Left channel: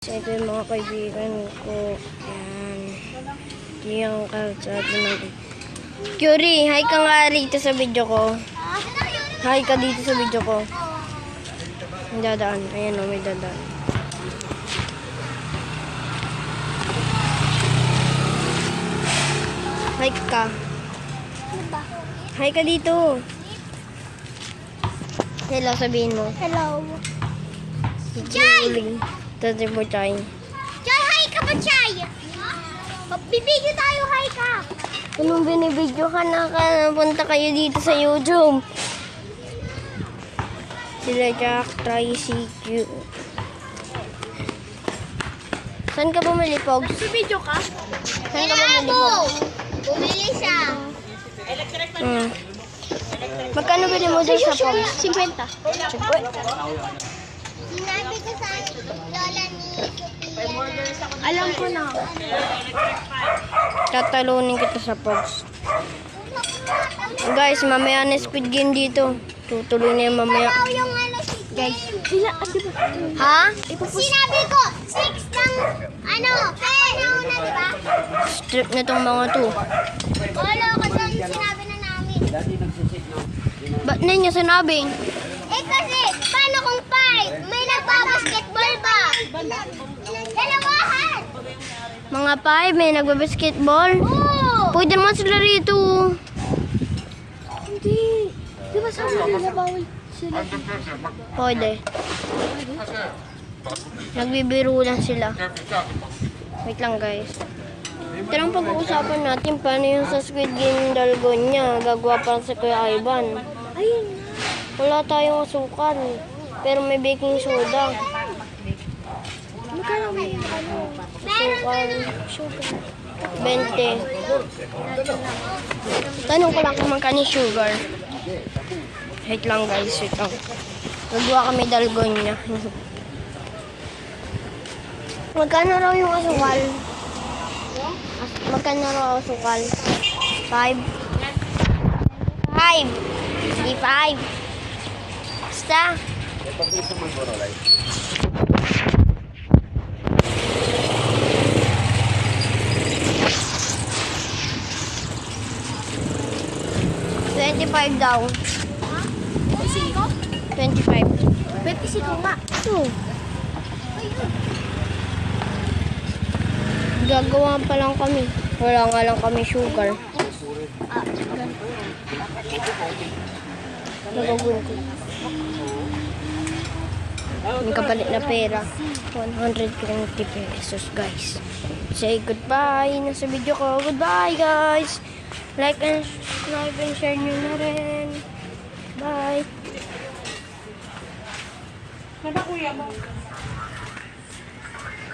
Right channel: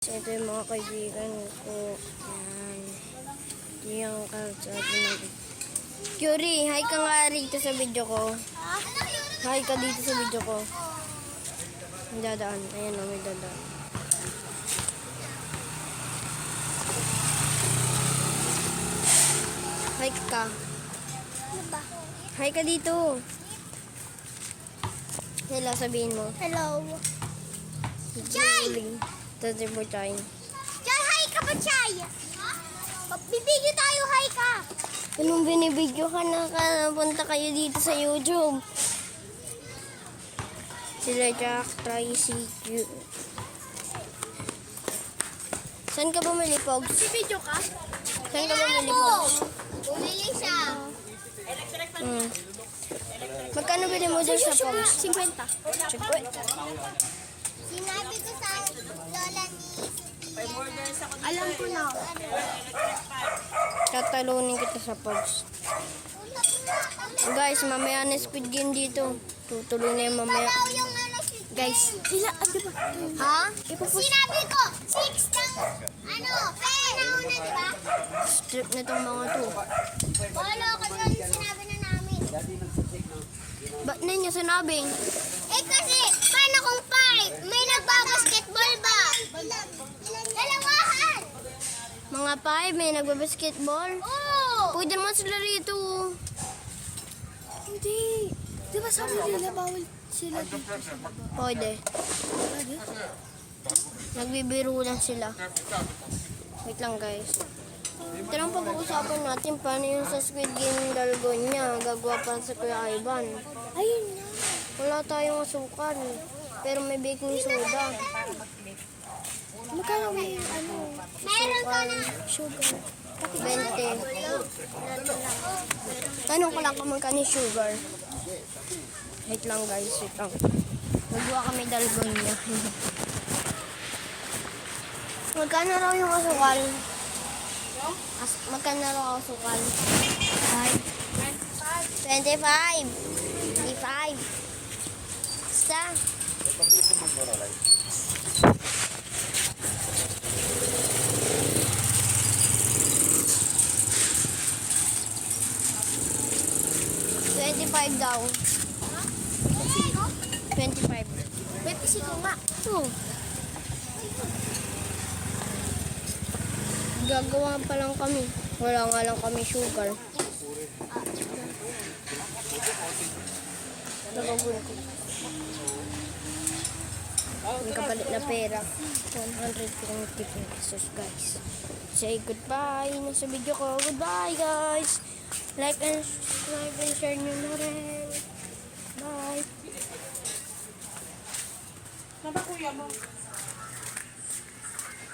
Ito yung mga kaibigan ko. Yan. Ito yung kalsada ng... Curie, hi ka nga rito sa video ko. Hi ka dito sa video ko. May dadaan. Ayan o, may dadaan. Hi ka. Hi ka dito. Hello, sabihin mo. Hello. Chay! Tati po, Chay. Chay, hi ka ba, Chay? Magbibigyo tayo, hi ka. Anong binibidyo ka na punta kayo dito sa YouTube? Sila Jack, Tracy, Q. Saan ka bumili, Pogs? Magbibidyo ka? Saan ka bumili, Pogs? Bumili siya. Magkano bili mo dyan sa Pogs? 50. Sinabi ko sa lola ni Sophia na... Alam ko na. Tatalunin kita sa Pogs. Guys, mamaya na Squid Game dito. Tutuloy na yung mamaya. Yung ano, Guys. Ha? Sinabi ko, 6 ng ano, kaya na, diba? Strip na tong mga to. Wala ko dyan sinabi na namin. Ba't na niya sinabing? Eh kasi, paano kung 5? May nagbabasketball pa. Dalawahan. Mga 5, may nagbabasketball. Oo. Pwede naman sila rito. Hindi. Di ba sabi nila bawal sila? Pwede. Nagbibiro lang sila. Wait lang guys. Pero ang pag-uusapan natin, paano yung sa Squid Game dalgon niya? Gagawa pa si Kuya Ivan. Ayun. Wala tayong asukal. Pero may baking soda. Magkano kayo? Meron ka na. 20. Tanong ko lang kung magkano yung sugar. Wait lang guys, wait lang. Nagawa kami dalgon niya. Magkano raw yung asukal? Magkano raw ang asukal? 5? 25? 25? Basta? $25 daw. 25. 25 nga. Ito. Gagawa pa lang kami. Wala nga lang kami sugar. Nagagawin ko. Yung kapalit na pera. 120 pesos guys. Say goodbye na sa video ko. Goodbye guys. Like and share nyo na rin. Bye.